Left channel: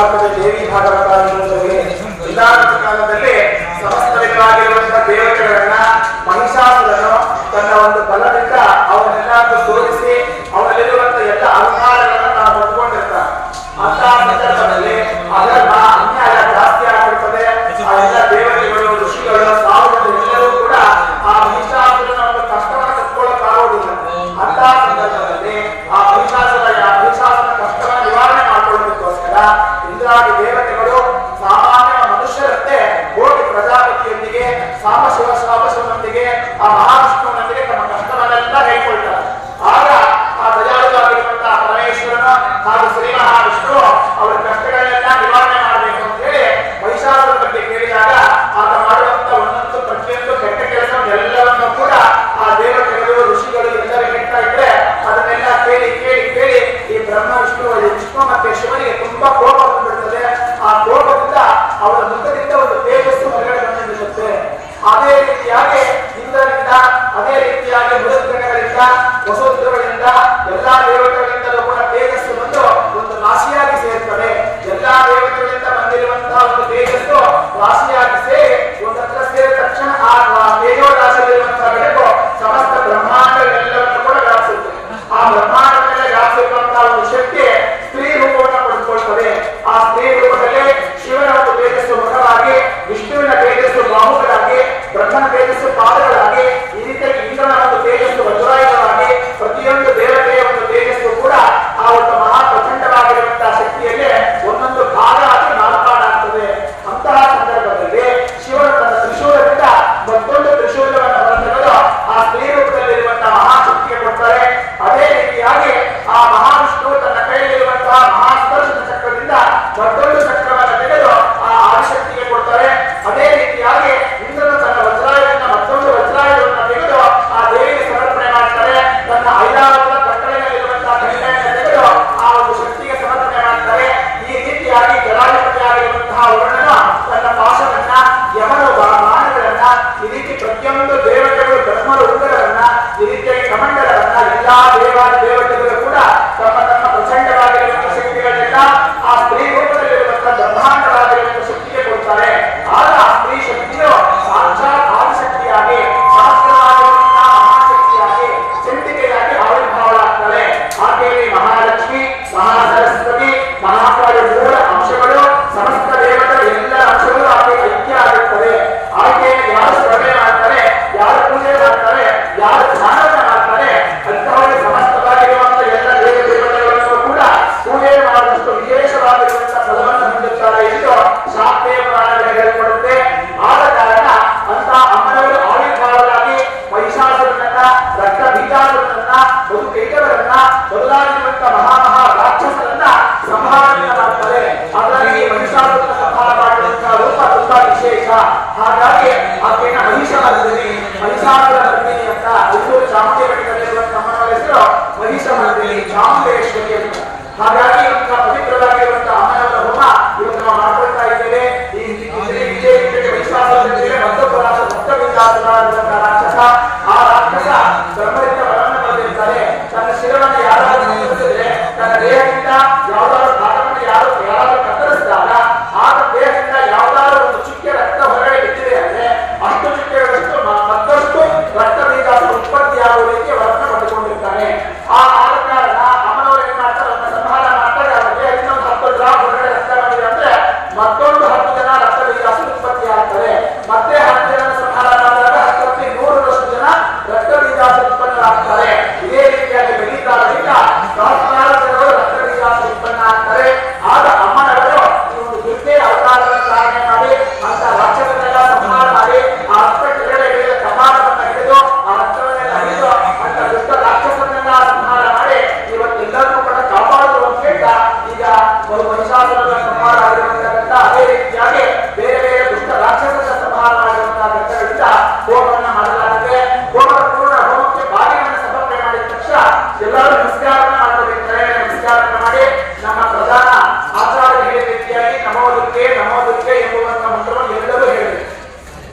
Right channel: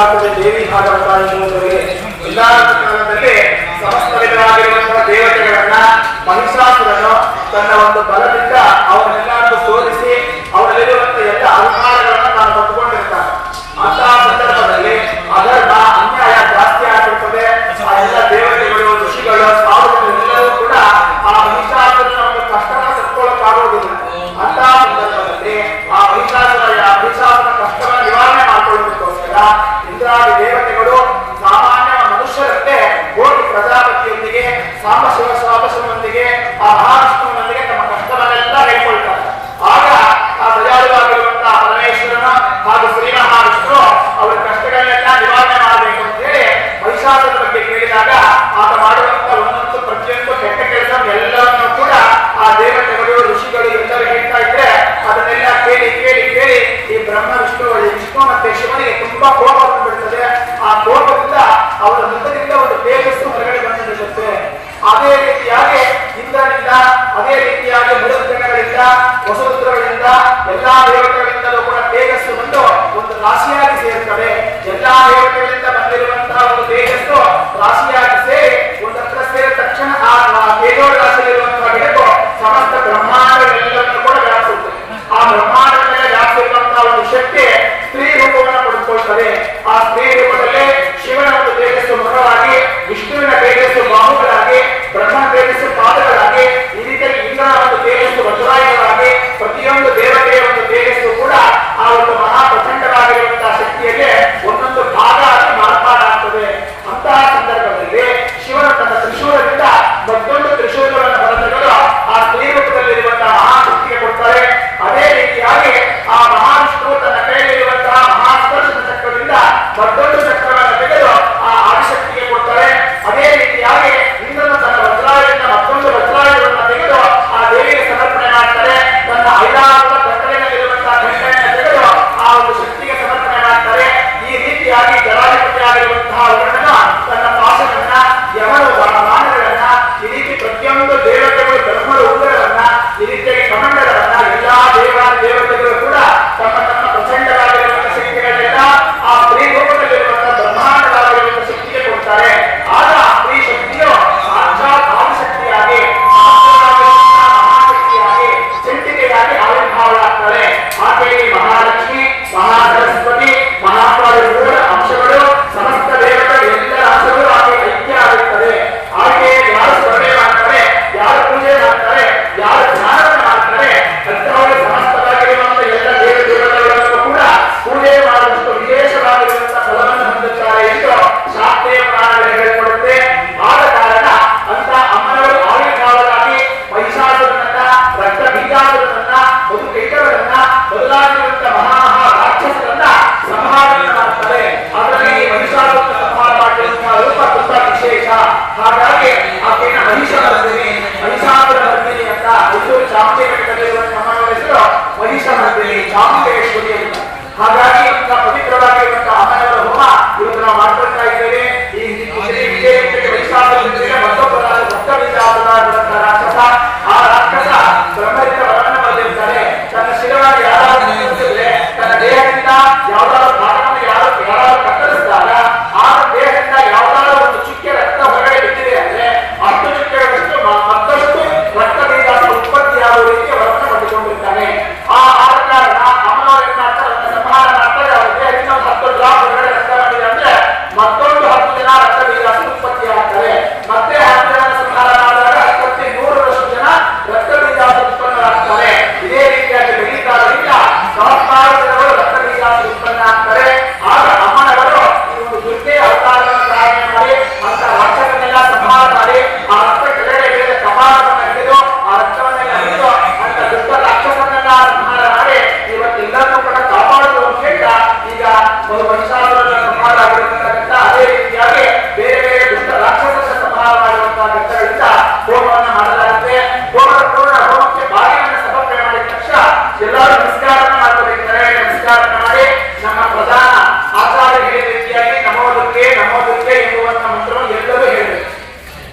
ದಾಖಲೆ ದೇವಿ ಭಾಗವತಾದಿ ಮೂಲಕ ಅದೇ ರೀತಿಯಾಗಿ ಇಂದ್ರನಿಂದ ಅದೇ ರೀತಿಯಾಗಿ ಮೃತಗಳಿಂದ ವಸುಂಧರಗಳಿಂದ ಎಲ್ಲಾ ದೇವತೆ